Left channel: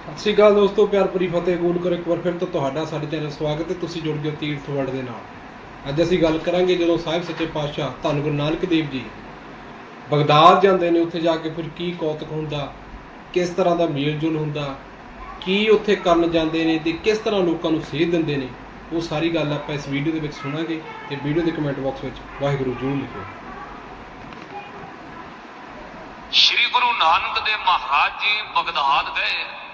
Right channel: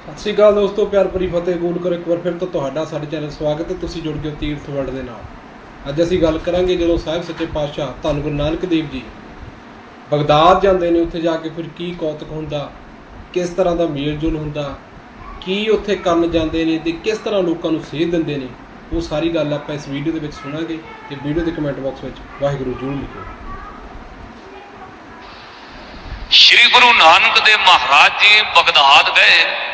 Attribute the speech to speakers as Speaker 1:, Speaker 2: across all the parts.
Speaker 1: ਸਤਿ ਸ਼੍ਰੀ ਅਕਾਲ ਦੋਸਤੋ, ਪਿਆਰ ਭਰੀ ਫਤਿਹ ਗੋਡ ਕਰ ਇੱਕ ਵਾਰ ਫਿਰ ਤੋਂ ਤੁਹਾਡਾ, ਸਾਡੇ ਚੈਨਲ ਸਵਾਗਤ ਹੈ। ਤੁਸੀਂ ਜੁੜ ਗਏ ਤੀਰਥ ਵਰਲਡ ਦੇ ਨਾਲ। ਅੱਜ ਅਸੀਂ ਗੱਲ ਕਰਾਂਗੇ ਜਦੋਂ ਸਾਹਿਬ ਸੱਚੇ ਪਾਤਸ਼ਾਹ ਧੰਨ ਗੁਰੂ ਨਾਨਕ ਦੇਵ ਜੀ ਬਗਦਾਦ ਜਾਂਦੇ ਨੇ, ਉੱਥੇ ਜਾ ਕੇ ਫਿਰ ਕੀ ਕੌਤਕ ਹੁੰਦਾ, ਕਿਸ ਤਰ੍ਹਾਂ ਦਾ ਮੇਲ ਹੁੰਦਾ, ਕੀ ਉੱਥੇ ਕਰਨ ਜਾਂਦੇ ਨੇ ਤੇ ਕਿਸ ਤਰ੍ਹਾਂ ਲੋਕਾਂ ਨੂੰ ਸੇਧ ਦਿੰਦੇ ਨੇ, ਉਹ ਸਾਰੀ ਗੱਲ ਆਪਾਂ ਇਸ ਵੀਡੀਓ ਦੇ ਵਿੱਚ ਸੁਣਾਂਗੇ ਤੇ ਵੀਡੀਓ ਦੇ ਕਮੈਂਟ ਬਾਕਸ ਵਿੱਚ ਵਾਹਿਗੁਰੂ ਜਰੂਰ ਲਿਖੋ।
Speaker 2: ਸ਼੍ਰੀ ਗੁਰੂ ਨਾਨਕ ਦੇਵ ਮਹਾਰਾਜ ਜੀ ਬਗਦਾਦ ਗਏ।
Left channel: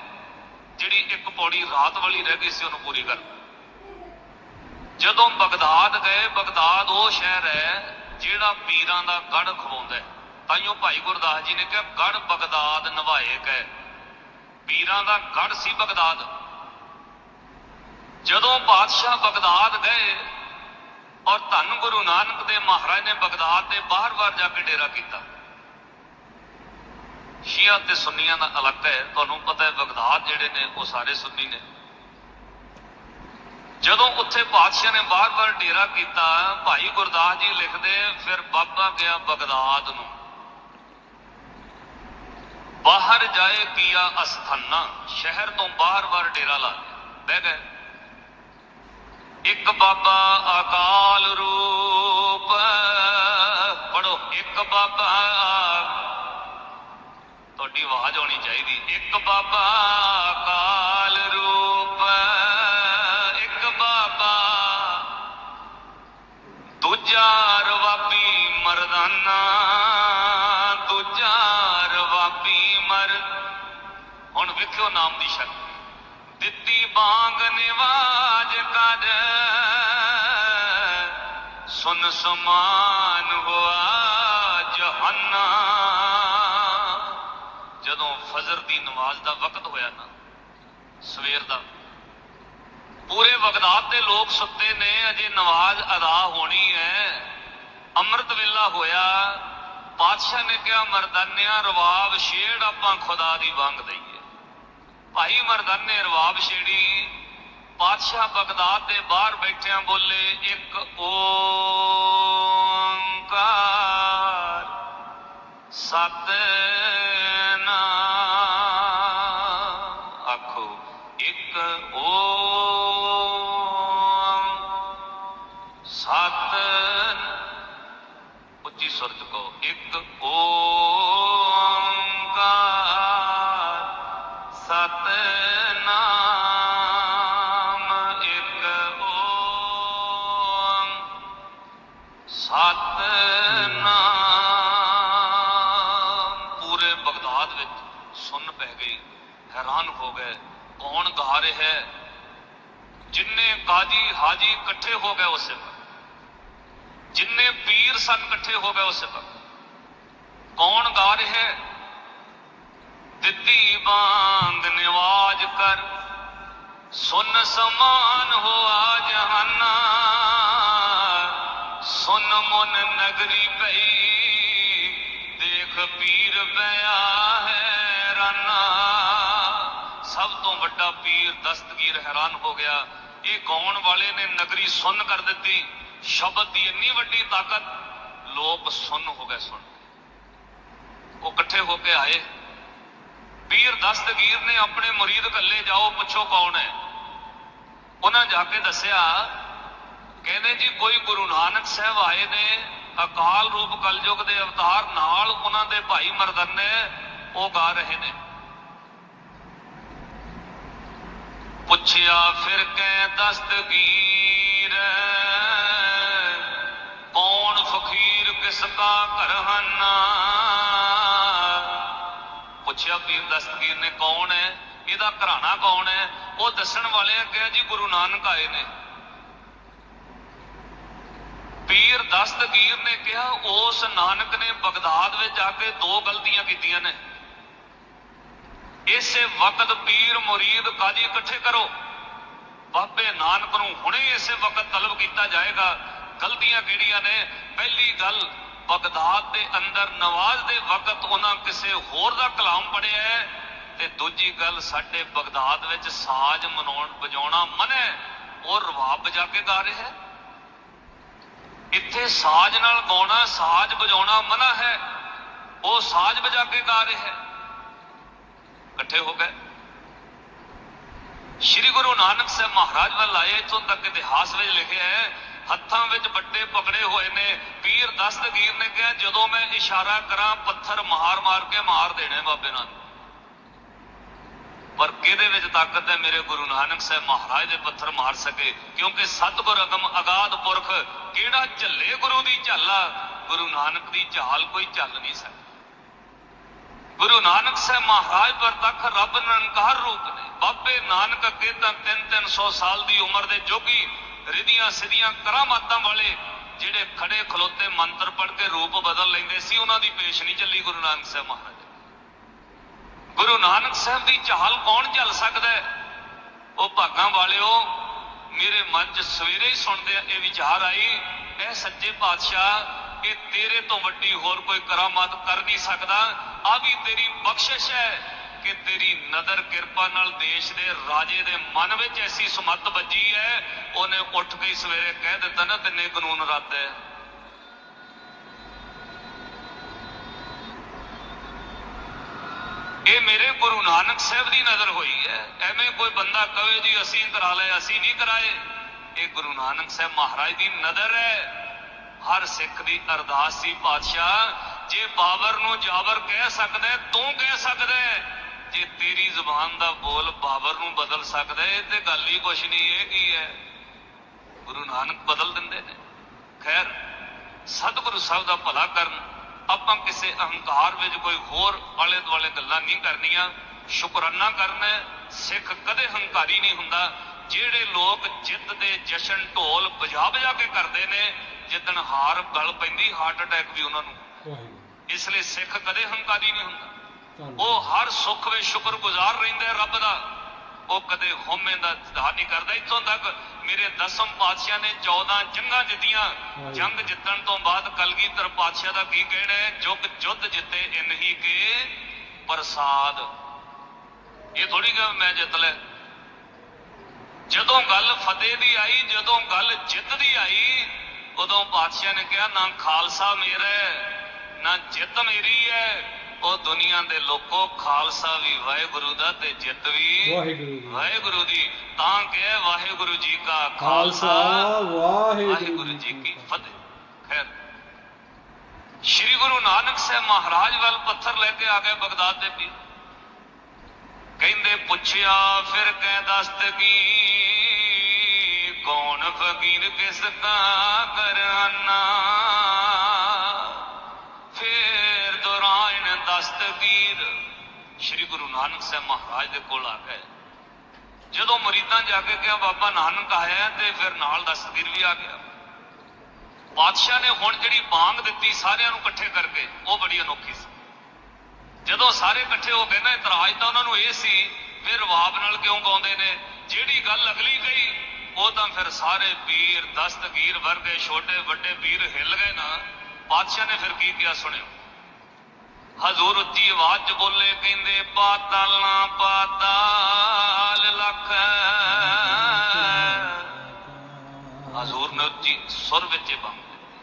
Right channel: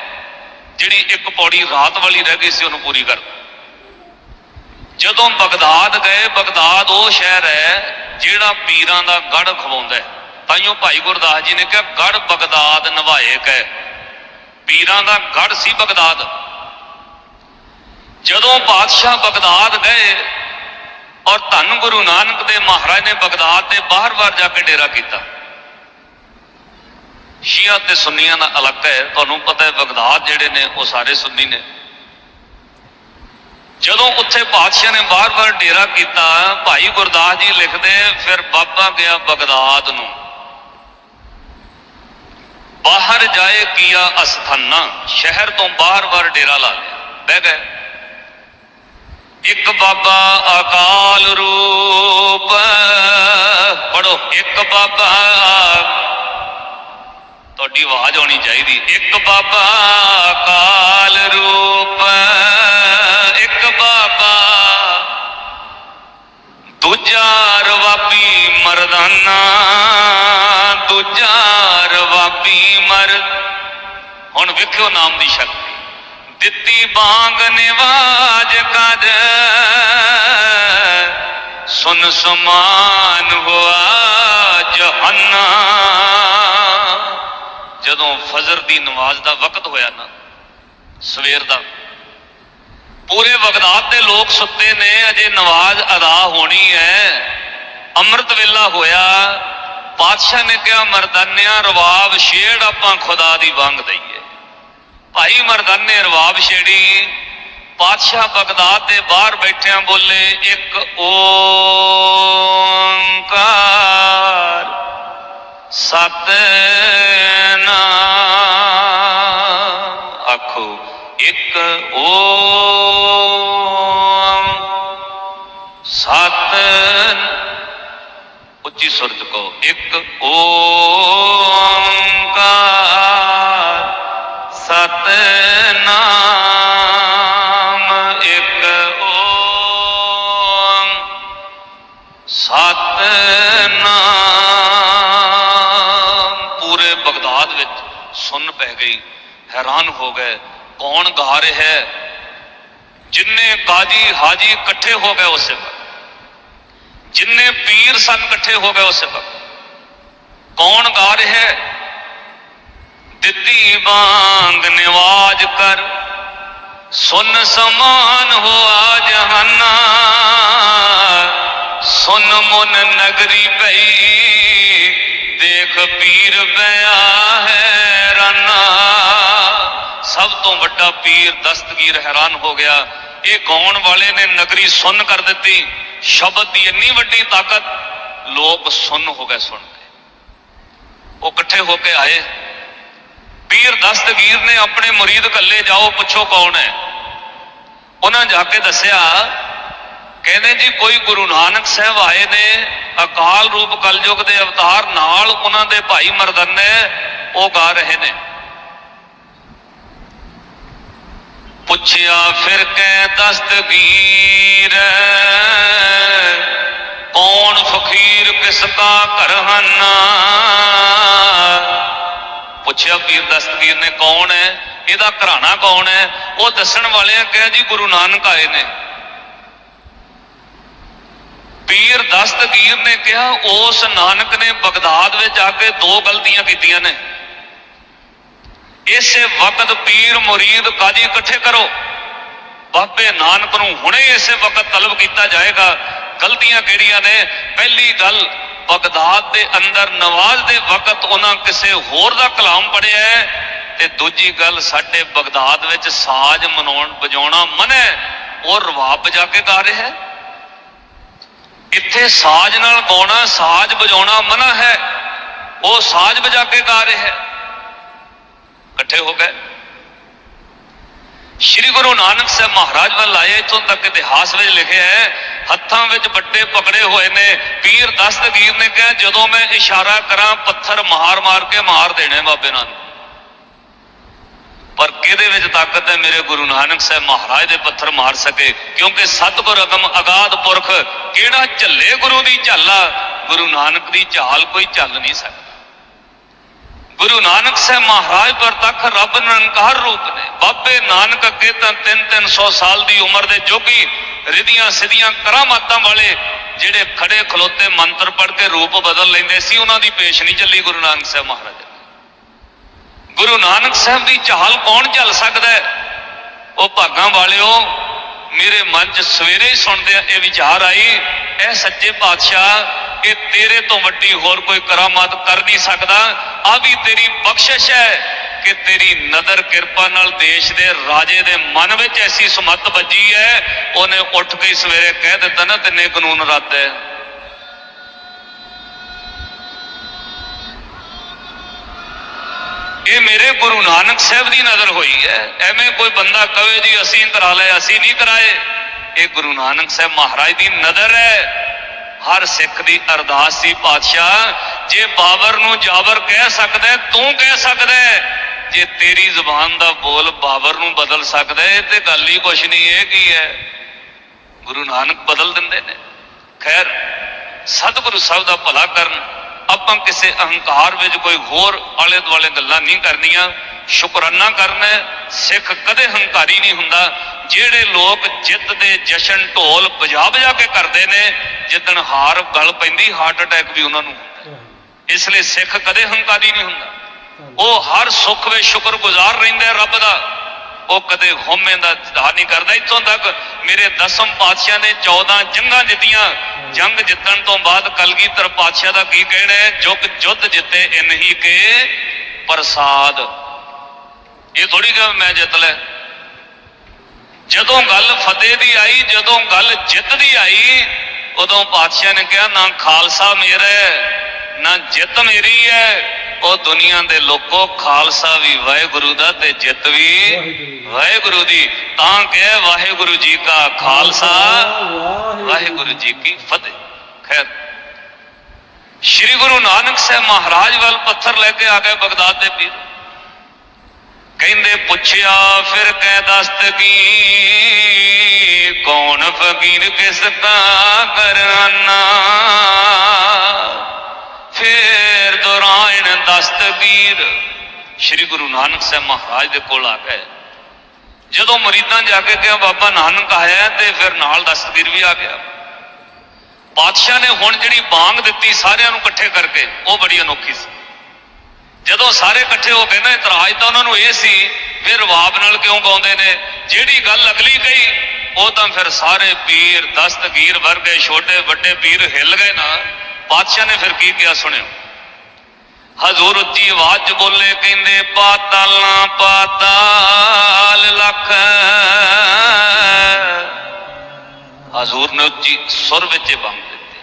Speaker 2: ਜਿਹੜੀ ਇੱਕ ਪੌੜੀ ਰਾਤ ਵਾਲੀ ਰਹਿ ਗਈ ਸੀ, ਉਹਨੂੰ ਪੂਰੀ ਕਰ ਜਦੋਂ ਬਗਦਾਦ ਗਏ, ਬਗਦਾਦ ਉਹ ਸ਼ਹਿਰ ਹੈ ਜਿਹੜਾ ਪੀਰਾਂ ਦਾ ਗੜ ਖਵਾਉਂਦਾ ਹੈ। ਤਾਈਓ ਭਾਈ ਗੁਰਦਾਸ ਜੀ ਨੇ ਕਿਹਾ ਗੜ ਬਗਦਾਦ ਨਵਾਏ ਕੈ ਪੀਰਾਂ ਦਾ ਗੜ ਸੀ ਬਗਦਾਦ। ਜਦੋਂ ਬਾਦਸ਼ਾਹ ਬਗਦਾਦ ਗਏ ਔਰ ਧੰਨ ਗੁਰੂ ਨਾਨਕ ਦੇਵ ਮਹਾਰਾਜ ਨੇ ਬਗਦਾਦ ਦੇ ਬਾਹਰ-ਬਾਹਰ ਜਾ ਕੇ ਡੇਰਾ ਕੀਤਾ ਸ਼ੀਆ ਤੇ ਸੁੰਨੀਆਂ ਦਾ ਅਲੱਗ ਹੈ। ਤੁਹਾਨੂੰ ਪਤਾ ਹੈ ਬਗਦਾਦ ਜਿਹੜੇ ਨੇ, ਉਹ ਸਾਰੇ ਸੁੰਨੀ ਨੇ। ਜਦੋਂ ਉੱਥੇ ਬਾਦਸ਼ਾਹ ਨੇ ਬਾਰ-ਬਾਰ ਡੇਰਾ ਕੀਤਾ, ਭਾਈ ਗੁਰਦਾਸ ਜੀ ਲਿਖਦੇ, ਫਿਰ ਬਾਬਾ ਗਿਆ ਬਗਦਾਦ ਨੂੰ। ਬਾਹਰ ਜਾਏ ਕੀਆ ਅਸਥਾਨਾ। ਸ਼ਹਿਰ ਤੋਂ ਬਾਹਰ-ਬਾਹਰ ਡੇਰਾ ਲਾ ਲਿਆ। ਬਹਿ ਗਏ। ਇੱਕ ਬਾਬਾ ਅਕਾਲ ਰੂਪ। ਪੜੋ ਇੱਕ ਬਾਬਾ ਤੁਹਾਡੀ ਆਵਾਜ਼ ਆਉਣੀ ਚਾਹੀਦੀ। ਇੱਕ ਬਾਬਾ ਕਾਲ ਰੂਪ, ਇੱਕ ਬਾਬਾ ਦੂਜਾ ਰਵਾਬੀ ਮਰਦਾਨਾ, ਦੂਜਾ ਰਵਾਬੀ ਮਰ। ਹੁਣ ਵੇਖਿਓ ਨਾਮ ਦੀ ਸ਼ਕਤੀ। ਦਿੱਤੀ ਬਾਂਗ ਨਿਵਾਜ ਕਰ ਸੁਨ ਸਮਾਨ ਹੋਆ ਜਹੰਨਾ। ਜਦੋਂ ਫਜਰ ਦੀ ਨਮਾਜ਼ ਦਾ ਵਕਤ ਹੋਇਆ ਨਾ, ਸਵੇਰ ਦਾ, ਪੂਰੇ ਬਗਦਾਦ ਦੇ ਲੋਕ ਸੁੱਤੇ ਨੇ, ਅਜੇ ਨਮਾਜ਼ ਅਦਾ ਹੋਣੀ ਹੈ। ਅੰਮ੍ਰਿਤ ਵੇਲਾ ਹੋਇਆ, ਬਾਦਸ਼ਾਹ ਨੇ ਕਿਹਾ, ਮਰਦਾਨਿਆਂ, ਰਵਾਬ ਛੇੜ ਆਪਾਂ ਖੁਦਾ ਦੀ ਵੰਗ ਦਈਏ। ਭਾਈ ਮਰਦਾਨੇ, ਰਵਾਬ ਛੇੜੀ, ਬਾਦਸ਼ਾਹ ਬਗਦਾਦ ਦੇ ਬਾਹਰ ਬੈਠਿਆਂ ਬੋਲੇ, ਇੱਕ ਓੰਕਾਰ, ਸਤ ਰਿਹਾ ਹੈ। ਜਿੰਨੇ ਕਾਜੀ ਹਾਜੀ ਇਕੱਠੇ ਹੋ ਗਏ ਉਸੇ ਵਕਤ ਜਿੰਨੇ ਪੀਰ ਸਨ ਇਕੱਠੇ ਹੋ ਗਏ ਉਸੇ ਵਕਤ ਕੌਣ ਗਾ ਰਿਹਾ ਹੈ? ਦਿੱਤੀ ਬਾਂਗ ਨਿਵਾਜ ਕਰ। ਸੁਨ ਸਮਾਨ ਹੋਆ ਜਹਾਨਾ। ਸੁਨ ਮੁਨ ਨਗਰੀ ਪਈ। ਦੇਖ ਪੀਰ ਪਿਆ ਹੈ ਰਾਨਾ। ਸਭ ਤੋਂ ਵੱਡਾ ਪੀਰ ਦਸਤਗੀਰ ਹੈਰਾਨ ਹੋ ਗਿਆ। ਇਹ ਗਾਉਣ ਵਾਲੇ ਨੇ ਨਗਰੀ ਸੁੰਨ ਕਰ ਦਿੱਤੀ। ਸ਼ਬਦ ਦੀ ਇੰਨੀ ਵੱਡੀ ਤਾਕਤ, ਲੋਕ ਸੁੰਨ ਹੋ ਗਏ ਸੁਣ ਕੇ। ਉਹ ਇਕੱਠੇ ਹੋ ਕੇ ਆਏ। ਪੀਰ ਦਸਤਗੀਰ ਨੇ ਆਪਣੇ ਮੁਰੀਦ ਕੱਲੇ ਜਾਓ, ਪੁੱਛੋ ਕੌਣ ਹੈ? ਉਹਨਾਂ ਜਾ ਕੇ ਦੱਸਿਆ, ਕਹਿੰਦੇ ਜੀ, ਕੋਈ ਗੁਰੂ ਨਾਨਕ ਸਾਹਿਬ ਆਏ ਨੇ, ਅਕਾਲ ਰੂਪ ਕਲਯੁਗ ਦੇ ਅਵਤਾਰ ਨਾਲ ਉਹਨਾਂ ਦੇ ਭਾਈ ਮਰਦਨੇ ਉਹ ਗਾ ਰਹੇ ਨੇ। ਪੁੱਛਿਆ, ਫਿਰ ਕੈ ਦਸਤਗੀਰ, ਕੌਣ ਫਕੀਰ ਕਿਸ ਕਾ ਹਨ? ਪੁੱਛਿਆ ਪੀਰ ਦਸਤਗੀਰ ਨੇ, ਕੌਣ ਹੈ? ਇਹਦਾ ਘਰਾਣਾ ਕੌਣ ਹੈ? ਉਹ ਦੱਸਣ ਵਾਲਿਆਂ ਕਿਹਾ ਜੀ, ਗੁਰੂ ਨਾਨਕ ਆਏ ਨੇ। ਪੀਰ ਦਸਤਗੀਰ ਨੇ ਕਿਹਾ, ਉਸ ਨਾਨਕ ਨੇ ਬਗਦਾਦ ਵਿੱਚ ਆ ਕੇ ਦੋ ਗਲਤੀਆਂ ਕੀਤੀਆਂ ਨੇ। ਇਸੇ ਵਕਤ ਪੀਰ ਮੁਰੀਦ ਕਾਜੀ ਇਕੱਠੇ ਕਰੋ। ਬਾਬੇ ਨਾਨਕ ਨੂੰ ਹੁਣੇ ਇਸੇ ਵਕਤ ਤਲਬ ਕੀਤਾ ਜਾਏਗਾ। ਗਲਤੀਆਂ ਕਿਹੜੀਆਂ ਨੇ? ਪਹਿਲੀ ਗੱਲ, ਬਗਦਾਦ ਦੇ ਅੰਦਰ ਨਵਾਜ਼ ਦੇ ਵਕਤ ਉਹਨਾਂ ਕਿਸੇ ਹੋਰ ਦਾ ਕਲਾਮ ਪੜਿਆ ਹੈ ਤੇ ਦੂਜੀ ਗੱਲ, ਸਾਡੇ ਬਗਦਾਦ ਵਿੱਚ ਸਾਜ਼ ਮਨਾਉਣ, ਵਜਾਉਣਾ ਮਨਾ ਹੈ। ਉਹ ਰਵਾਬ ਵਜਾ ਕੇ ਗਾ ਰਿਹਾ ਇੱਥੇ ਸਾਜ਼ ਨਾਲ ਗਾਉਣਾ, ਸਾਜ਼ ਵਜਾਉਣਾ ਮਨਾ ਹੈ। ਉਹ ਸਾਜ਼ ਵਜਾ ਕੇ ਗਾ ਰਿਹਾ ਇਕੱਠੇ ਹੋ ਗਏ। ਸ਼੍ਰੀ ਗੁਰੂ ਨਾਨਕ ਸਾਹਿਬ ਮਹਾਰਾਜ ਵੱਲ ਆਏ, ਇੱਥੋਂ ਤੱਕ ਇਤਿਹਾਸ ਵਿੱਚ ਲਿਖਿਆ ਹੈ, ਹੱਥਾਂ ਵਿੱਚ ਵੱਡੇ ਪਕੜੇ ਹੋਏ ਨੇ। ਪੀਰ ਦਸਤਗੀਰ ਨੇ ਕਿਹਾ, ਜਦੋਂ ਮੈਂ ਇਸ਼ਾਰਾ ਕਰਾਂ, ਪੱਥਰ ਮਾਰ ਮਾਰ ਕੇ ਮਾਰ ਦੇਣੇ ਬਾਬੇ ਨਾਲ ਪਰ ਕਿਹਦੇ ਵਿੱਚ ਤਾਕਤ ਹੈ ਮੇਰੇ ਗੁਰੂ ਨਾਨਕ ਸਾਹਿਬ ਮਹਾਰਾਜ ਦੇ ਪੱਥਰ ਮਾਰ ਸਕੇ? ਕਿਉਂਕਿ ਸਤਿਗੁਰ ਅਗਮ ਅਗਾਧ ਪੁਰਖ, ਕਿਹੜਾ ਝੱਲੇ ਗੁਰੂ ਦੀ ਝਾਲਾ? ਗੁਰੂ ਨਾਨਕ ਦੀ ਝਾਲ ਕੋਈ ਝੱਲ ਨਹੀਂ ਸਕਦਾ। ਗੁਰੂ ਨਾਨਕ ਸਾਹਿਬ ਮਹਾਰਾਜ ਪ੍ਰਤੱਖ ਰੱਬ ਨਿਰੰਕਾਰ ਰੂਪ ਨੇ। ਬਾਬੇ ਨਾਨਕ ਅੱਗੇ ਤਾਂ 3-300 ਸਾਲ ਦੀ ਉਮਰ ਦੇ ਜੋਗੀ ਰਿਧੀਆਂ ਸਿਧੀਆਂ ਕਰਾਮਾਤਾਂ ਵਾਲੇ ਜਿਹੜੇ ਖੜੇ ਖਲੋਤੇ ਮੰਤਰ ਪੜ੍ਹ ਕੇ ਰੂਪ ਬਦਲ ਲੈਂਦੇ ਸੀ, ਉਹਨਾਂ ਦੀ ਪੇਸ਼ ਨਹੀਂ ਚੱਲੀ ਗੁਰੂ ਨਾਨਕ ਸਾਹਿਬ ਮਹਾਰਾਜ ਗੁਰੂ ਨਾਨਕ ਸਾਹਿਬ ਦੀ ਚਾਹਲ ਕੌਣ ਝੱਲ ਸਕਦਾ ਹੈ? ਉਹ ਭਾਗਾਂ ਵਾਲਿਓ, ਮੇਰੇ ਮਨ 'ਚ ਸਵੇਰੇ ਹੀ ਸੁਣਦੇ ਇਹ ਵਿਚਾਰ ਆਈ, ਇਹ ਸੱਚੇ ਪਾਤਸ਼ਾਹ ਕਿ ਤੇਰੇ ਤੋਂ ਵੱਡੀ ਹੋਰ ਕੋਈ ਕਰਾਮਾਤ ਕਰ ਨਹੀਂ ਸਕਦਾ। ਆ ਵੀ ਤੇਰੀ ਬਖਸ਼ਿਸ਼ ਹੈ ਕਿ ਤੇਰੀ ਨਦਰ ਕਿਰਪਾ ਨਾਲ ਦੇਸ਼ ਦੇ ਰਾਜੇ ਦੇ ਮਨ ਵਿੱਚ ਐਸੀ ਸੁਮਤ ਵੱਜੀ ਹੈ, ਉਹਨੇ ਉੱਠ ਕੇ ਸਵੇਰੇ ਕਹਿ ਦਿੱਤਾ ਨਾ, ਤਿੰਨੇ ਕਾਨੂੰਨ ਰੱਦ ਹੈ। ਇਹ ਮੇਰੇ ਗੁਰੂ ਨਾਨਕ ਸਾਹਿਬ ਦੀ ਨਜ਼ਰ ਹੋਈ ਹੈ। ਐਵੇਂ ਕੋਈ ਬੰਦਾ ਕਵੇ ਜੀ, ਅਸੀਂ ਕਰਾ ਲਏ ਅਸੀਂ ਨਹੀਂ ਕਰਾਏ। ਇਹ ਗੁਰੂ ਨਾਨਕ ਸਾਹਿਬ ਮਹਾਰਾਜ ਦੀ ਨਜ਼ਰ ਹੈ। ਹਰ ਸਿੱਖ ਦੀ ਅਰਦਾਸ ਸੀ ਪਾਤਸ਼ਾਹ ਜੇ ਬਾਬਰ ਨੂੰ ਜਾਬਰ ਕਹਿ ਸਕਦਾ ਤੂੰ ਕਹਿ ਸਕਦਾ ਜੇ ਤੇਰੀ ਜ਼ੁਬਾਨ ਦਾ ਬੋਲ ਬਾਬਰ ਨੂੰ ਬਦਲ ਸਕਦਾ ਹੈ ਤੇ ਗੱਲ ਹੀ ਕੁਛ ਨਹੀਂ, ਇਹ ਕੀ ਹੈ? ਗੁਰੂ ਨਾਨਕ ਬਦਲ ਦਿੰਦੇ ਨੇ। ਖੈਰ, ਸਤਿਗੁਰੂ ਸਾਹਿਬ ਦਾ ਭਲਾ ਕਰਨ, ਆਪਾਂ ਕਿਸੇ ਅਹੰਕਾਰ ਵਿੱਚ ਕੋਈ ਹੋਰ ਆਲੇ ਦੁਆਲੇ ਗੱਲਾਂ ਨਹੀਂ ਕਰਨੀਆਂ, ਸ਼ੁਕਰਾਨਾ ਕਰਨਾ ਸਿੱਖ ਕਦੇ ਹੰਕਾਰੀ ਨਹੀਂ ਹੁੰਦਾ, ਜਿਹੜੇ ਲੋਕ ਜਿੱਤ ਦੇ ਜਸ਼ਨ ਢੋਲ ਵਜਾ ਵਜਾ ਕੇ ਕਰਦੇ ਨੇ, ਜਿੱਦਣ ਹਾਰ, ਗਲ ਪੈਂਦੀ ਹਾਰਟ ਅਟੈਕ ਵੀ ਉਹਨਾਂ ਨੂੰ ਇਸ ਲਈ ਸਿੱਖ ਕਦੇ ਹੰਕਾਰੀ ਨਹੀਂ ਹੁੰਦਾ। ਉਹ ਹਰ ਸੁੱਖ ਵਿੱਚ ਸ਼ੁਕਰਗੁਜ਼ਾਰ ਰਹਿੰਦਾ ਰੱਬ ਦਾ। ਉਹ ਕਦੇ ਹਉਮੈ ਦਾ ਦਾਹ ਨਹੀਂ ਕਰਦਾ। ਇੱਥੋਂ ਤੱਕ ਮੇਰੇ ਦਸਮ ਪਾਤਸ਼ਾਹ ਨੇ 14 ਜੰਗਾਂ ਜਿੱਤੀਆਂ। ਜੰਗ ਜਿੱਤਣ ਤੋਂ ਬਾਅਦ ਕਲਗੀਧਰ ਪਾਤਸ਼ਾਹ ਦਾ ਕੀ ਕਹਿਣਾ ਹੈ? ਜੁਗ ਜੁੱਧ ਜਿੱਤੇ ਇਨਹੀ ਕੇ ਪ੍ਰਸਾਦ। ਇਹ ਥੋੜੀ ਕਿ ਮੈਂ ਜਿੱਤ ਲੈ ਜਦੋਂ ਗੱਲ ਫਤਿਹ ਦੀ ਆਈ, ਜਦੋਂ ਗੱਲ ਜਿੱਤ ਦੀ ਆਈ, ਉਦੋਂ ਪਾਤਸ਼ਾਹ ਨੇ ਕਿਹਾ, ਨਾ ਖਾਲਸਾ ਮੇਰਾ ਨਾ ਜਿੱਤ ਮੇਰੀ ਹੈ ਉਹ ਦੁਨੀਆ ਦੇ ਲੋਕੋ ਖਾਲਸਾ ਵੀ ਵਾਹਿਗੁਰੂ ਦਾ ਤੇ ਜਿੱਤ ਵੀ
Speaker 1: ਵਾਹਿਗੁਰੂ।
Speaker 2: ਦੀ। ਤਾਂ ਕਿ ਵਾਹਿਗੁਰੂ ਜੀ ਕਾ ਖਾਲਸਾ
Speaker 1: ਵਾਹਿਗੁਰੂ
Speaker 2: ਵਾਹਿਗੁਰੂ ਜੀ ਕੀ ਫਤਿਹ। ਖੈਰ ਸ੍ਰੀ ਗੁਰੂ ਨਾਨਕ ਸਾਹਿਬ ਮਹਾਰਾਜ ਵੱਲ ਪੱਥਰ ਲੈ ਕੇ ਆ ਗਏ ਬਗਦਾਦ ਦੇ ਪੀਰ। ਕਹਿੰਦੇ ਪੁੱਛਿਆ ਫਿਰ ਕਹਿ ਦਸਤਗੀ ਕੌਣ ਫਕੀਰ ਕਿਸ ਦਾ ਕਰਾਨਾ? ਫੇਰ ਦੌਰਾਨ ਦਸਤਗੀਰ ਸ੍ਰੀ ਗੁਰੂ ਨਾਨਕ ਸਾਹਿਬ ਮਹਾਰਾਜ ਦੇ ਕੋਲ ਆ ਗਏ। ਜਦੋਂ ਮਰੀਦਾਂ ਜਾ ਕੇ ਕਿਹਾ, ਬਾਬਾ ਨਾਨਕ ਆਇਆ ਤੇ ਫਿਰ ਨਾਲ ਦਸਤਗੀਰ ਵੀ ਆ ਗਿਆ। ਬਾਦਸ਼ਾਹ ਨੇ ਹੁਣ ਜਿਹੜੀ ਬਾਂਗ ਦਿੱਤੀ ਸਾਰਿਆਂ ਨੂੰ ਇਕੱਠੇ ਕਰਕੇ, ਉਹ ਬੜੀ ਅਨੋਖੀ ਸੀ। ਜਦੋਂ ਸਾਰੇ ਇਕੱਠੇ ਹੋ ਗਏ ਨਾ, ਇਤਰਾਜ਼ ਤਾਂ ਉਹਨਾਂ ਨੂੰ ਇਹ ਸੀ ਫਿਰ ਰਵਾਬ ਨਾਲ ਕਿਉਂ ਗਾਉਂਦੇ ਨੇ? ਜਿਹੜੀ ਗੱਲ ਅਗਲੀ ਕਹੀ, ਉਹ ਤਾਂ ਫਿਰ ਸਾਰੇ ਪੀਰ, ਦਸਤਗੀਰ ਵਰਗੇ ਛੋਟੇ ਵੱਡੇ ਪੀਰ ਹਿੱਲ ਗਏ ਨਾ। ਬਾਦਸ਼ਾਹ ਨੇ ਫਿਰ ਕੀ ਕਿਹਾ ਸੁਣਿਓ? ਹਜ਼ੂਰ ਉੱਚੀ ਆਵਾਜ਼ 'ਚ ਬੋਲੇ ਕਹਿੰਦੇ, ਪਾਤਾਲਾਂ, ਪਾਤਾਲ ਲੱਖ ਹਜ਼ੂਰ ਨੇ ਉੱਚੀ ਸੁਰ ਵਿੱਚ ਇਹ ਬੰਦ ਦਿੱਤੀ।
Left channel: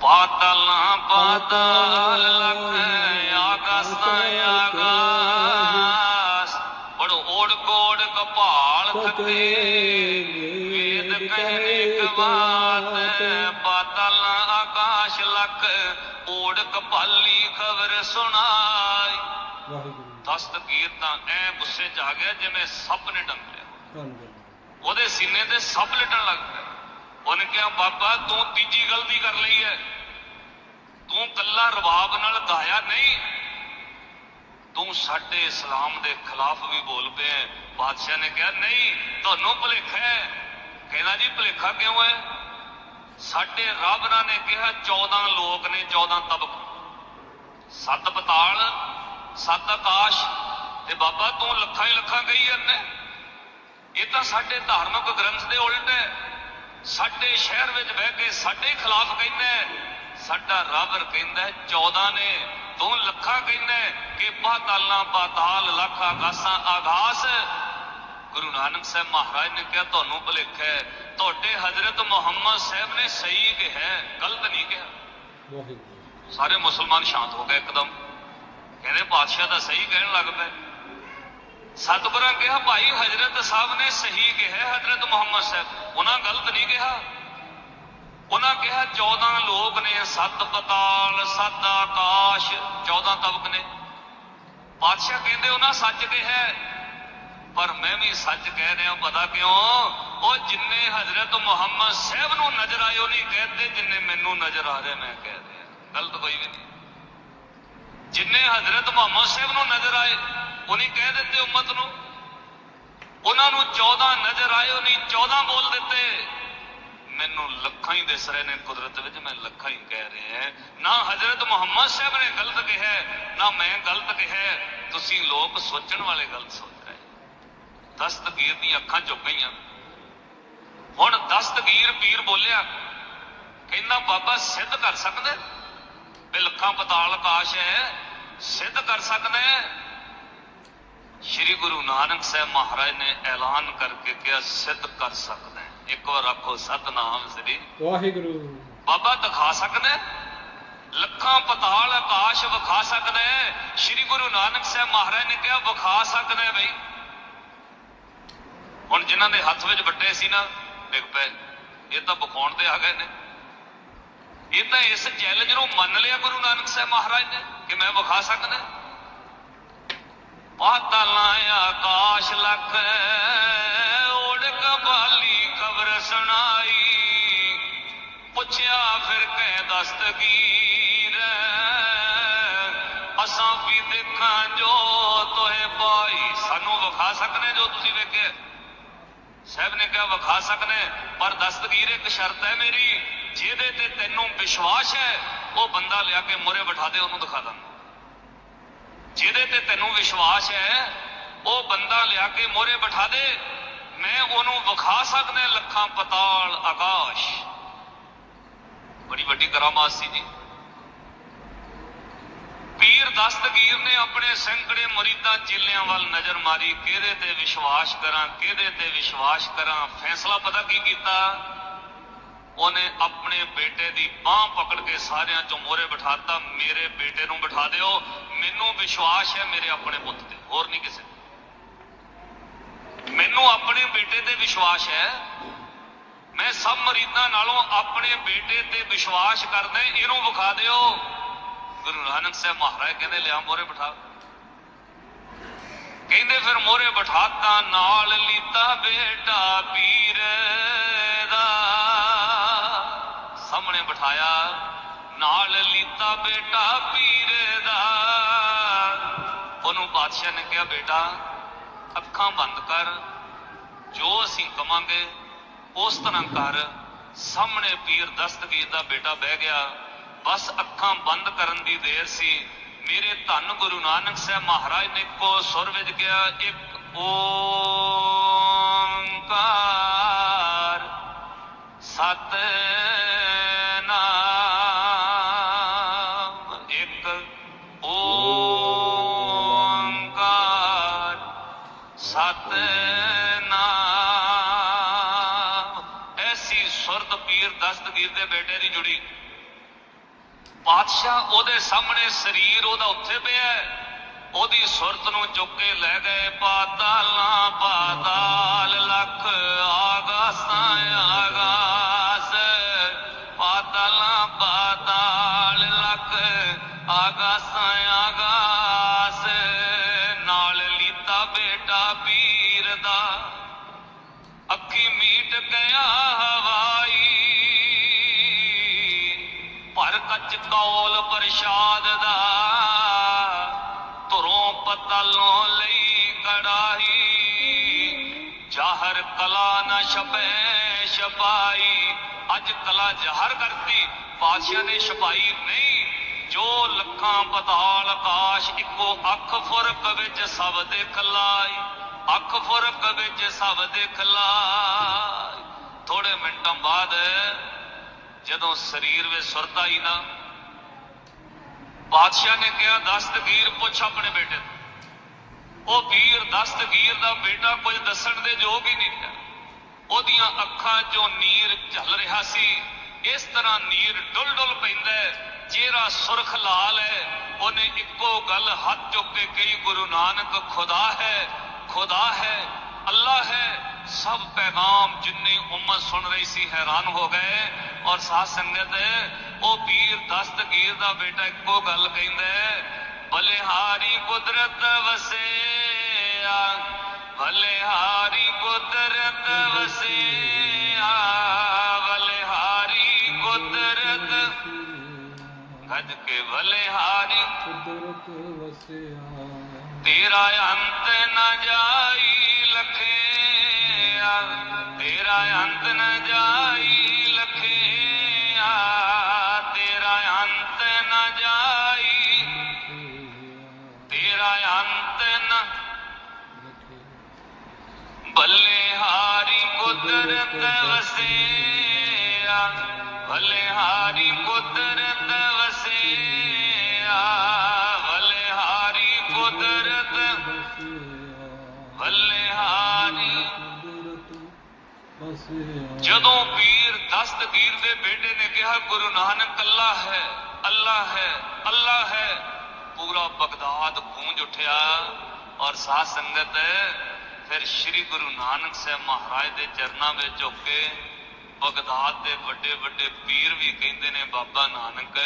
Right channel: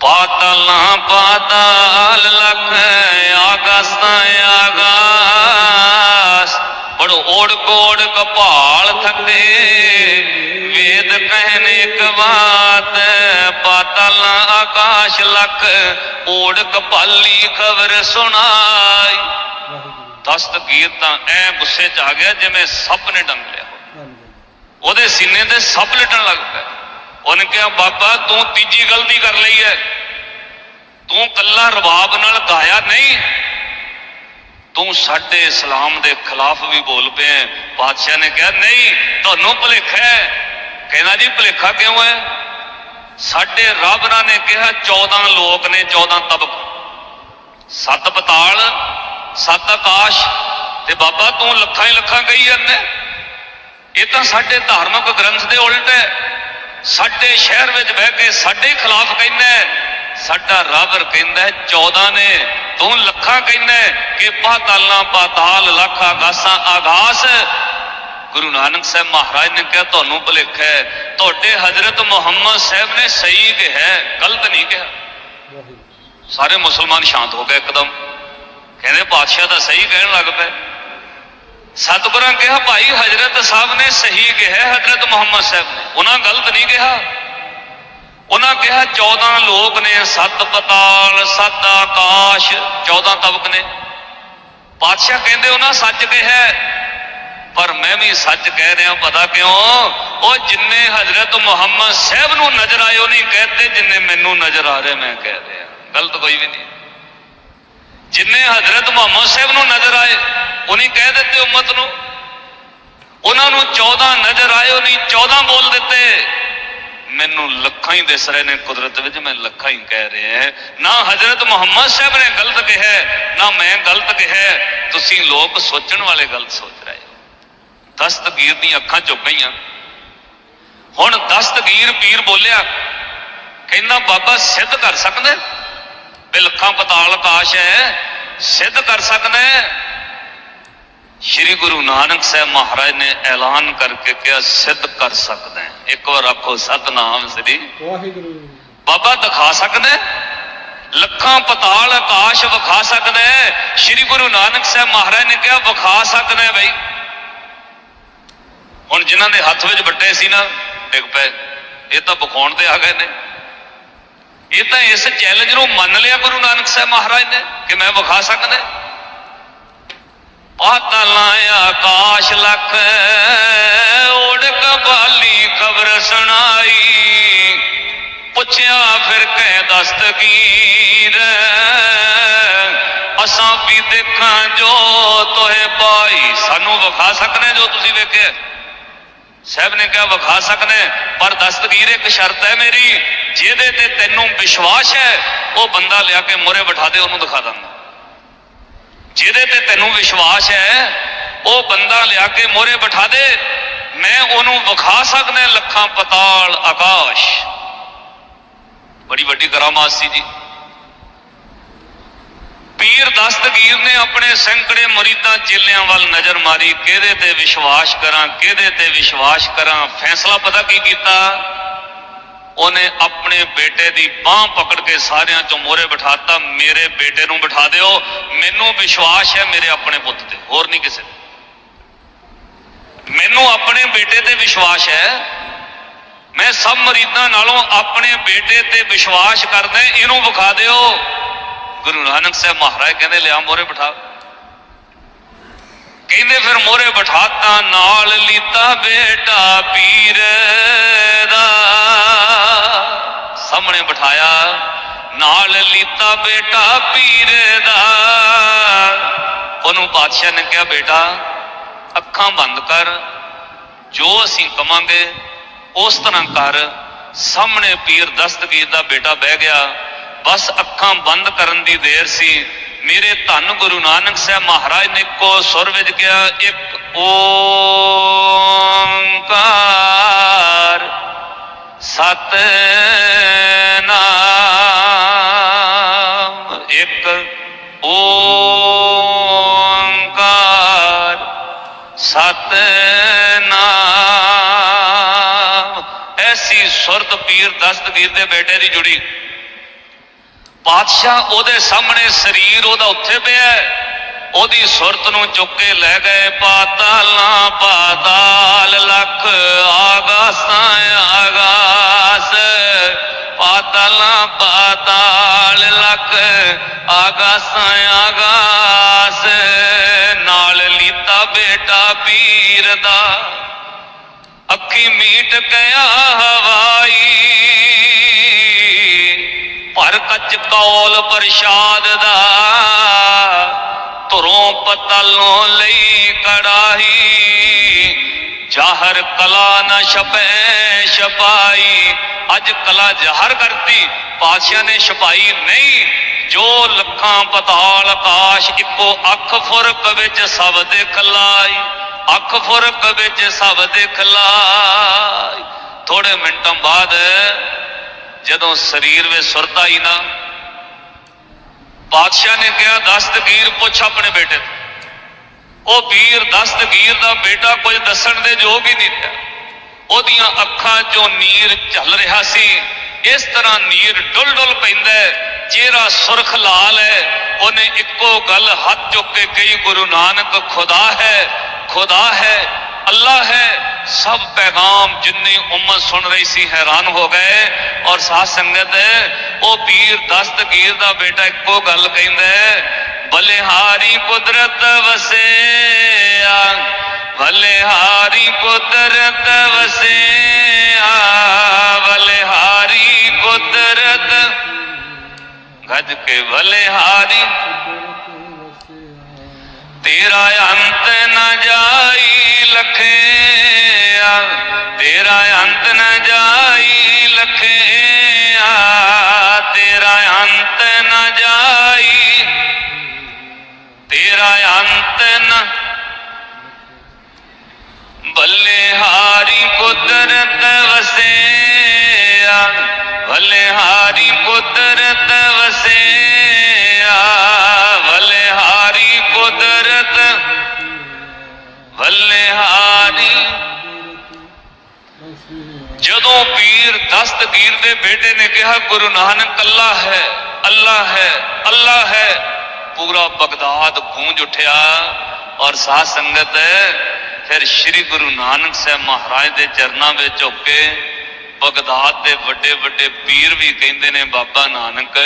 Speaker 2: ਪਾਤਾਲਾਂ, ਪਾਤਾਲ ਲੱਖ ਆਕਾਸਾਂ ਆਕਾਸ ਬੜੋ ਓੜ ਕੋੜ ਕਪਾਲ ਥੱਕੇ। ਲੱਖ ਓੜ ਕਪਾਲੀ ਖਬਰ ਸੁਣਾਈ। ਦਸਤਗੀਰ ਤਾਂ ਐ ਗੁੱਸੇ 'ਚ ਆ ਗਿਆ ਜਿਵੇਂ ਸੱਪ ਨੇ ਡੰਗ ਲਿਆ। ਉਹਦੇ ਸੀਨੇ ਤੇ ਸੱਪ ਲਟਣ ਲੱਗ ਪਿਆ। ਉਹਨੇ ਕਿਹਾ ਬਾਬਾ ਤੂੰ ਤੀਜੀ ਗਲਤੀ ਕਰ ਲਈ ਹੈ ਤੂੰ ਕੱਲਾ ਰਬਾਬ ਨਾਲ ਗਾਇਆ ਨਹੀਂ। ਤੂੰ ਸਾਡੇ ਇਸਲਾਮ ਦੇ ਖਿਲਾਫ ਵੀ ਬੋਲ ਪਿਆ। ਬਾਦਸ਼ਾਹ ਨੇ ਕਿਹਾ ਨਹੀਂ ਤੁਹਾਨੂੰ ਭੁਲੇਖਾ ਹੈ ਕਹਿੰਦਾ ਜੀ ਭੁਲੇਖਾ ਕਿਉਂ ਹੈ ਸਾਡੇ ਰੱਬਰਾਂ ਨੇ ਕਿਹਾ 14 ਲੋਕ ਨੇ 14 ਤਬਕ। ਸੱਤ ਪਤਾਲ ਸੱਤ ਆਕਾਸ਼, ਤੇ ਬਾਬਾ ਤੂੰ ਲੱਖਾਂ ਹੀ ਲੱਖਾਂ ਕਹੀ ਜਾਂਦਾ ਇਹ ਤਾਂ ਸਾਡੇ ਧਾਰਮਿਕ ਗ੍ਰੰਥ ਦੇ ਉਲਟ ਹੈ। ਸਾਡੇ ਸ਼ਹਿਰ ਵਿੱਚ ਬਹਿ ਕੇ ਸਾਡੇ ਖਿਲਾਫ ਕਹਿੰਦਾ ਸਾਡਾ ਰੱਬ ਕਹਿੰਦਾ ਹੈ 14 ਨੇ, ਤੂੰ ਲੱਖਾਂ ਕਹਿੰਦਾ ਕਿ ਪਾਤਾਲਾਂ, ਪਾਤਾਲ, ਲੱਖ ਆਕਾਸ਼ਾਂ ਆਗਾਸ ਗੁਰੂ ਨਾਨਕ ਸਾਹਿਬ ਮਹਾਰਾਜ ਨੇ ਕਿਹਾ ਤੁਹਾਨੂੰ ਭੁਲੇਖਾ ਹੈ। ਤੁਹਾਡੇ ਹਜ਼ਰਤ ਮੁਹੰਮਦ ਸਾਹਿਬ ਨੇ ਸਹੀ ਕਿਹਾ ਗਲਤ ਨਹੀਂ ਕਿਹਾ। ਸਾਰੇ ਮੁਸਲਮਾਨ ਸ਼ਾਂਤ ਹੋ ਗਏ ਇੱਕਦਮ। ਕਹਿੰਦੇ ਪਾਤਸ਼ਾਹ ਤਾਂ ਸਹੀ ਕਹਿਣ ਲੱਗ ਪਏ। ਸਤਿਗੁਰਾਂ ਕਿਹਾ ਭਾਈ ਹਜ਼ਰਤ ਸਾਹਿਬ ਨੇ ਸਹੀ ਕਿਹਾ ਹਜ਼ਰਤ ਮੁਹੰਮਦ ਸਾਹਿਬ ਨੇ। ਉਹਨਾਂ ਗਲਤ ਨਹੀਂ ਕਿਹਾ। ਉਹਨਾਂ ਕਿਹਾ 14 ਲੋਕ ਨੇ ਸੱਤ ਪਤਾਲ ਸੱਤ ਆਕਾਸ਼ 14 ਤਬਕ ਨੇ। ਪਾਤਸ਼ਾਹ ਕਹਿੰਦੇ ਉਹਨਾਂ ਸੱਚ ਕਿਹਾ ਪਰ ਮੈਂ ਵੀ ਸੱਚ ਕਹਿ ਰਿਹਾ, ਪਤਾ ਕਿਉਂ? ਉਹ ਜਿੰਨੇ ਹਜ਼ਰਤ ਮੁਹੰਮਦ ਸਾਹਿਬ ਨੂੰ ਨਜ਼ਰ ਆਏ, ਉਹ ਨਹੀਂ ਕਹਿੰਦੇ ਜਿੰਨੇ ਮੈਨੂੰ ਨਜ਼ਰ ਆ ਰਹੇ, ਮੈਂ ਕਹਿ ਰਿਹਾ। ਗਲਤ ਕੋਈ ਵੀ ਨਹੀਂ। ਜਿੰਨੇ ਹਜ਼ਰਤ ਮੁਹੰਮਦ ਸਾਹਿਬ ਨੂੰ ਨਜ਼ਰ ਆਏ, ਉਹ ਨਹੀਂ ਕਹਿ ਦਿੱਤੇ ਉਮਤ ਨੂੰ। ਉਹਨਾਂ ਨੂੰ 14 ਨਜ਼ਰ ਆਏ, ਉਹ ਨਹੀਂ 14 ਬੋਲ ਦਿੱਤੇ। ਮੈਨੂੰ ਲੱਖਾਂ ਹੀ ਦਿਸ ਰਹੇ ਨੇ ਕੁਦਰਤ ਵਿੱਚ, ਮੈਂ ਲੱਖਾਂ ਹੀ ਕਹਿ ਰਿਹਾ ਨਾ ਹਜ਼ਰਤ ਮੁਹੰਮਦ ਸਾਹਿਬ ਨੇ ਗਲਤ ਕਿਹਾ, ਨਾ ਮੈਂ ਗਲਤ ਕਿਹਾ। ਤੁਸੀਂ ਲੋਕ ਸੋਚਣ ਵਾਲੇ ਗਲਤ ਸੋਚ। ਦਸਤਗੀਰ ਦੀਆਂ ਅੱਖਾਂ ਝੁਕ ਗਈਆਂ। ਹੁਣ ਦਸਤਗੀਰ ਪੀਰ ਬੋਲਿਆ ਕਹਿੰਦਾ ਬਾਬਾ ਸਿੱਧ ਕਰ ਸਕਦਾ ਲੱਖਾਂ ਪਤਾਲ ਆਕਾਸ਼ ਹੈ ਸਿੱਧ ਕਰ ਸਕਦਾ ਸ਼੍ਰੀ ਗੁਰੂ ਨਾਨਕ ਸਾਹਿਬ ਮਹਾਰਾਜ ਨੇ ਐਲਾਨ ਕਰਕੇ ਕਿਹਾ ਸਿੱਧ ਕਰ ਸਕਦਾ ਇੱਕ ਵਾਰ ਆਖੋ ਸਤਨਾਮ ਸ੍ਰੀ
Speaker 1: ਵਾਹਿਗੁਰੂ।
Speaker 2: ਬਾਬਾ ਦਿਖਾ ਸਕਦਾ? ਲੱਖਾਂ ਪਤਾਲ ਆਕਾਸ਼ ਵਿਖਾ ਸਕਦਾ ਸ਼੍ਰੀ ਗੁਰੂ ਨਾਨਕ ਸਾਹਿਬ ਮਹਾਰਾਜ ਨੇ ਕਿਹਾ ਵਿਖਾ ਸਕਦਾ ਬਈ। ਹੁਣ ਜਿਨ੍ਹਾਂ ਦੇ ਹੱਥ ਵਿੱਚ ਵੱਡੇ ਸੀ ਨਾ, ਡਿੱਗ ਪਏ। ਇਹ ਤਾਂ ਵਿਖਾਉਣ ਤੇ ਆ ਗਏ ਨੇ। ਇਹ ਤਾਂ ਇਸ ਚੈਲੰਜ ਨੂੰ ਮੰਨ ਲਿਆ ਗੁਰੂ ਨਾਨਕ ਸਾਹਿਬ ਮਹਾਰਾਜ ਨੇ ਕਿ ਮੈਂ ਵਿਖਾ ਸਕਦਾ। ਪਾਤਲਾਂ ਆਕਾਸ਼ ਲਖ ਓੜ ਕਬਾਲੀ ਖਬਰ ਸੁਣਾਈ। ਪੁੱਛਿਆ ਫਿਰ ਕਹਿ ਦਸਤਗੀਰ ਅਸਾਂ ਵੀ ਦੇਖਾਂ ਜੋ ਤੋਏ ਪਾਈ। ਸਾਨੂੰ ਵਿਖਾ ਸਕਨੇ ਜੋ ਤੁਸੀਂ ਵੇਖਿਆ? ਸਾਹਿਬ ਨੇ ਕਿਹਾ, ਵਿਖਾ ਸਕਨੇ, ਪਰ ਦਸਤਗੀਰ ਇੱਕ ਸ਼ਰਤ ਹੈ ਮੇਰੀ, ਜਿਹਦੇ ਤੇ ਤੈਨੂੰ ਵਿਸ਼ਵਾਸ ਹੈ, ਉਹ ਬੰਦਾ ਲਿਆ ਕੇ ਮੋਰੇ ਬਿਠਾ ਦੇ, ਉਹਨੂੰ ਦਿਖਾ ਦਾਂਗਾ। ਜਿਹਦੇ ਤੇ ਤੈਨੂੰ ਵਿਸ਼ਵਾਸ ਹੈ, ਉਹ ਬੰਦਾ ਲਿਆ ਕੇ ਮੋਰੇ ਬਿਠਾ ਦੇ, ਮੈਂ ਉਹਨੂੰ ਵਿਖਾ ਸਕਦਾ ਲੱਖਾਂ ਪਤਾਲ ਆਕਾਸ਼। ਬੜੀ ਵੱਡੀ ਕਰਾਮਾਤ ਸੀ ਜੀ। ਪੀਰ ਦਸਤਗੀਰ ਨੇ ਆਪਣੇ ਸੈਂਕੜੇ ਮਰੀਦਾਂ ਚੇਲਿਆਂ ਵੱਲ ਨਜ਼ਰ ਮਾਰੀ। ਕਿਹਦੇ ਤੇ ਵਿਸ਼ਵਾਸ ਕਰਾਂ, ਕਿਹਦੇ ਤੇ ਵਿਸ਼ਵਾਸ ਕਰਾਂ? ਫੈਸਲਾ ਪਤਾ ਕੀ ਕੀਤਾ? ਉਹਨੇ ਆਪਣੇ ਬੇਟੇ ਦੀ ਬਾਹ ਪਕੜ ਕੇ ਸਾਰਿਆਂ ਚੋਂ ਮੋਰੇ ਬਿਠਾਤਾ। ਮੇਰੇ ਬੇਟੇ ਨੂੰ ਬਿਠਾ ਦਿਓ। ਮੈਨੂੰ ਵਿਸ਼ਵਾਸ ਹੈ, ਮੇਰੇ ਆਪਣੇ ਪੁੱਤ ਤੇ। ਹੋਰ ਨਹੀਂ ਕਿਸੇ ਮੈਨੂੰ ਆਪਣੇ ਬੇਟੇ ਤੇ ਵਿਸ਼ਵਾਸ ਹੈ। ਮੈਂ ਸਭ ਮਰੀਦਾਂ ਨਾਲੋਂ ਆਪਣੇ ਬੇਟੇ ਤੇ ਵਿਸ਼ਵਾਸ ਕਰਦਾ, ਇਹਨੂੰ ਵਿਖਾ ਦਿਓ। ਗੁਰੂ ਨਾਨਕ ਸਾਹਿਬ ਮਹਾਰਾਜ ਕਹਿੰਦੇ, ਲਿਆ ਮੋਰੇ ਬਿਠਾ। ਕਹਿੰਦੇ ਫਿਰ ਮੋਰੇ ਬਿਠਾਤਾ, ਨਾਲ ਲੀਤਾ ਬੇਟਾ ਪੀਰ ਦਾ। ਸਾਹਮਣੇ ਬਿਠਾਇਆ, ਨਾਲ ਲੀਤਾ ਬੇਟਾ ਪੀਰ ਦਾ। ਉਹਨੂੰ ਬਾਦਸ਼ਾਹ ਨੇ ਕਿਹਾ, ਬੇਟਾ, ਅੱਖਾਂ ਬੰਦ ਕਰ, ਜੋ ਅਸੀਂ ਕਵਾਂਗੇ, ਉਸ ਤਰ੍ਹਾਂ ਕਰ। ਸਾਹਮਣੇ ਪੀਰ ਦਸਤਗੀਰ ਦਾ ਬੇਟਾ ਬਹਿ ਗਿਆ। ਬਸ ਅੱਖਾਂ ਬੰਦ ਕਰਨ ਦੀ ਦੇਰ ਸੀ। ਮੇਰੇ ਧੰਨ ਗੁਰੂ ਨਾਨਕ ਸਾਹਿਬ ਮਹਾਰਾਜ ਨੇ ਇੱਕੋ ਸੁਰ ਵਿੱਚ ਕਿਹਾ, ਇੱਕ ਓੰਕਾਰ ਸਤਨਾਮ, ਇੱਕ ਓੰਕਾਰ ਸਤਨਾਮ। ਐਸੀ ਸੁਰਤ ਪੀਰ ਦਸਤਗੀਰ ਦੇ ਬੇਟੇ ਦੀ ਜੁੜੀ। ਬਾਦਸ਼ਾਹ ਉਹਦੇ ਸਾਹਮਣੇ ਸਰੀਰ ਉਹਦਾ ਉੱਥੇ ਪਿਆ ਉਹਦੀ ਸੁਰਤ ਨੂੰ ਚੁੱਕ ਕੇ ਲੈ ਗਏ, ਪਾਤਾਲਾਂ, ਪਾਤਾਲ, ਲਖ ਆਗਾਸਾਂ, ਆਗਾਸ। ਪਾਤਾਲਾਂ, ਪਾਤਾਲ, ਲਖ ਆਗਾਸਾਂ, ਆਗਾਸ। ਨਾਲ ਲੀਤਾ ਬੇਟਾ ਪੀਰ ਦਾ। ਅੱਖੀ ਮੀਟ ਗਿਆ ਹਵਾਈ। ਭਰ ਕੱਚ ਕੌਲ ਪ੍ਰਸ਼ਾਦ ਦਾ, ਧਰੋਂ ਪਤਲੋਂ ਲਈ ਕੜਾਹੀ। ਜਾਹਰ ਕਲਾ ਨਾ ਛਪੈ ਛਪਾਈ। ਅੱਜ ਕਲਾ ਜ਼ਾਹਰ ਕਰਤੀ, ਪਾਤਸ਼ਾਹ ਨੇ ਛਪਾਈ ਨਹੀਂ। ਜੋ ਲੱਖਾਂ ਪਤਾਲ ਆਕਾਸ਼ ਇੱਕੋ ਅੱਖ ਫੁਰਕ ਵਿੱਚ ਸਭ ਦੇਖ ਲਾਈ ਅੱਖ ਫੁਰਕ ਵਿੱਚ ਸਭ ਦੇਖ ਲਾਈ ਥੋੜੇ ਮਿੰਟਾਂ ਬਾਅਦ ਜਦੋਂ ਸਰੀਰ ਵਿੱਚ ਸੁਰਤ ਆਈ ਨਾ, ਬਾਦਸ਼ਾਹ ਨੇ ਕਿਹਾ ਦਸਤਗੀਰ ਪੁੱਛ ਆਪਣੇ ਬੇਟੇ ਤੋਂ ਉਹ ਵੀਰ ਦਸਤਗੀਰ ਦਾ ਬੇਟਾ ਕੁਝ ਦੱਸਣ ਦੇ ਯੋਗ ਹੀ ਨਹੀਂ ਰਿਹਾ। ਉਹਦੀਆਂ ਅੱਖਾਂ 'ਚੋਂ ਨੀਰ ਝੱਲ ਰਿਹਾ ਸੀ। ਇਸ ਤਰ੍ਹਾਂ ਨੀਰ ਡੁੱਲ ਡੁੱਲ ਪੈਂਦਾ ਹੈ। ਚਿਹਰਾ ਸੁਰਖ ਲਾਲ ਹੈ, ਉਹਨੇ ਇੱਕੋ ਗੱਲ ਹੱਥ ਚੁੱਕ ਕੇ ਕਹੀ, ਗੁਰੂ ਨਾਨਕ ਖੁਦਾ ਹੈ ਖੁਦਾ ਹੈ, ਅੱਲਾ ਹੈ। ਸਭ ਪੈਗਾਮ ਜਿੰਨੀ ਉਮਤ ਸੁਣ ਰਹੀ ਸੀ ਹੈਰਾਨ ਹੋ ਗਏ ਔਰ ਸਾਧ ਸੰਗਤ ਉਹ ਪੀਰ ਦਸਤਗੀਰ ਦਾ ਬੇਟਾ ਇੱਕੋ ਗੱਲ ਕਹਿੰਦਾ ਹੈ, ਬਲਿਹਾਰੀ ਕੁਦਰਤ ਵਸਿਆ ਬਲਿਹਾਰੀ ਕੁਦਰਤ ਵਸਿਆ ਬਲਿਹਾਰੀ ਕੁਦਰਤ ਗੱਜ ਕੇ ਬਲਿਹਾਰੀ ਤੇਰਾ ਅੰਤ ਨਾ ਜਾਈ ਲਖਿਆ ਤੇਰਾ ਅੰਤ ਨ ਜਾਈ ਤੇਰਾ ਅੰਤ ਨ ਬਲਿਹਾਰੀ ਕੁਦਰਤ ਵਸਿਆ ਬਲਿਹਾਰੀ ਕੁਦਰਤ ਵਸਿਆ ਬਲਿਹਾਰੀ ਕੁਦਰਤ ਬਲਿਹਾਰੀ ਜਦੋਂ ਪੀਰ ਦਸਤਗੀਰ ਦੇ ਬੇਟੇ ਨੇ ਕਿਹਾ ਗੁਰੂ ਨਾਨਕ ਅੱਲਾ ਹੈ ਅੱਲਾ ਹੈ ਅੱਲਾ ਹੈ। ਪੂਰਾ ਬਗਦਾਦ ਗੂੰਜ ਉੱਠਿਆ ਔਰ ਸਾਧ ਸੰਗਤ ਫਿਰ ਸ੍ਰੀ ਗੁਰੂ ਨਾਨਕ ਸਾਹਿਬ ਮਹਾਰਾਜ ਦੇ ਚਰਨਾਂ ਵਿੱਚ ਝੁੱਕ ਕੇ ਬਗਦਾਦ ਦੇ ਵੱਡੇ ਵੱਡੇ ਪੀਰ ਵੀ ਕਹਿੰਦੇ ਨੇ, ਬਾਬਾ ਨਾਨਕ,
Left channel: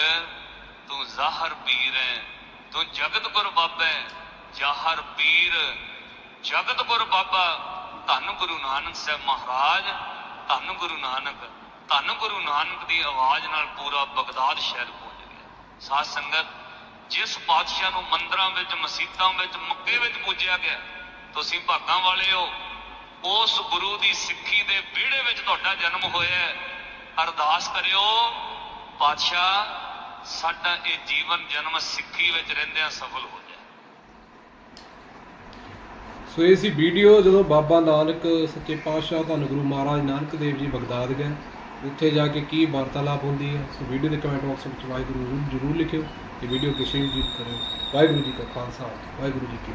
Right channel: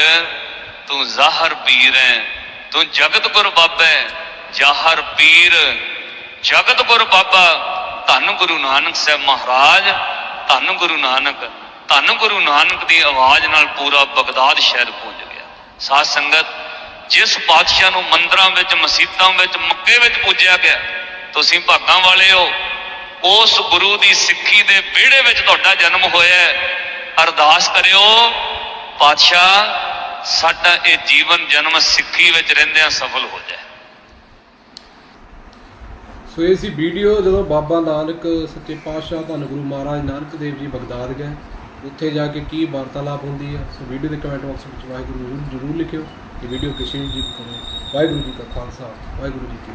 Speaker 2: ਤੂੰ ਜ਼ਾਹਰ ਪੀਰ ਹੈ, ਤੂੰ ਜਗਤ ਗੁਰ ਬਾਬਾ ਹੈ। ਜ਼ਾਹਰ ਪੀਰ ਜਗਤ ਗੁਰ ਬਾਬਾ, ਧੰਨ ਗੁਰੂ ਨਾਨਕ ਸਾਹਿਬ ਮਹਾਰਾਜ, ਧੰਨ ਗੁਰੂ ਨਾਨਕ, ਧੰਨ ਗੁਰੂ ਨਾਨਕ ਦੀ ਆਵਾਜ਼ ਨਾਲ ਪੂਰਾ ਬਗਦਾਦ ਸ਼ਹਿਰ ਸਾਧ ਸੰਗਤ, ਜਿਸ ਪਾਤਸ਼ਾਹ ਨੂੰ ਮੰਦਰਾਂ ਵਿੱਚ ਮਸਜਿਦਾਂ ਵਿੱਚ ਮੱਕੇ ਵਿੱਚ ਪੂਜਿਆ ਗਿਆ, ਤੁਸੀਂ ਭਾਗਾਂ ਵਾਲੇ ਹੋ। ਉਸ ਗੁਰੂ ਦੀ ਸਿੱਖੀ ਦੇ ਵਿਹੜੇ ਵਿੱਚ ਤੁਹਾਡਾ ਜਨਮ ਹੋਇਆ ਹੈ। ਅਰਦਾਸ ਕਰਿਓ, ਪਾਤਸ਼ਾਹ, ਸਾਡਾ ਇਹ ਜੀਵਨ ਜਨਮ ਸਿੱਖੀ ਵਿੱਚ ਰਹਿੰਦਿਆਂ ਸਫਲ ਹੋ ਜਾਏ।
Speaker 1: ਸੋ ਇਹ ਸੀ ਵੀਡੀਓ ਜਦੋਂ ਬਾਬਾ ਨਾਨਕ ਸੱਚੇ ਪਾਤਸ਼ਾਹ ਧੰਨ ਗੁਰੂ ਮਹਾਰਾਜ ਨਾਨਕ ਦੇਵ ਜੀ ਬਗਦਾਦ ਗਏ। ਉੱਥੇ ਜਾ ਕੇ ਕੀ ਵਾਰਤਾਲਾਪ ਹੁੰਦੀ ਹੈ, ਸੋ ਵੀਡੀਓ ਦੇ ਕਮੈਂਟ ਬਾਕਸ ਵਿੱਚ ਵਾਹਿਗੁਰੂ ਜ਼ਰੂਰ- ਜ਼ਰੂਰ ਲਿਖਿਓ ਤੇ ਵੀਡੀਓ ਕਿਸੇ ਵੀ ਜੀ ਕਰੋ ਵਾਹਿਗੁਰੂ ਜੀ ਕਾ ਖਾਲਸਾ, ਵਾਹਿਗੁਰੂ ਜੀ ਕੀ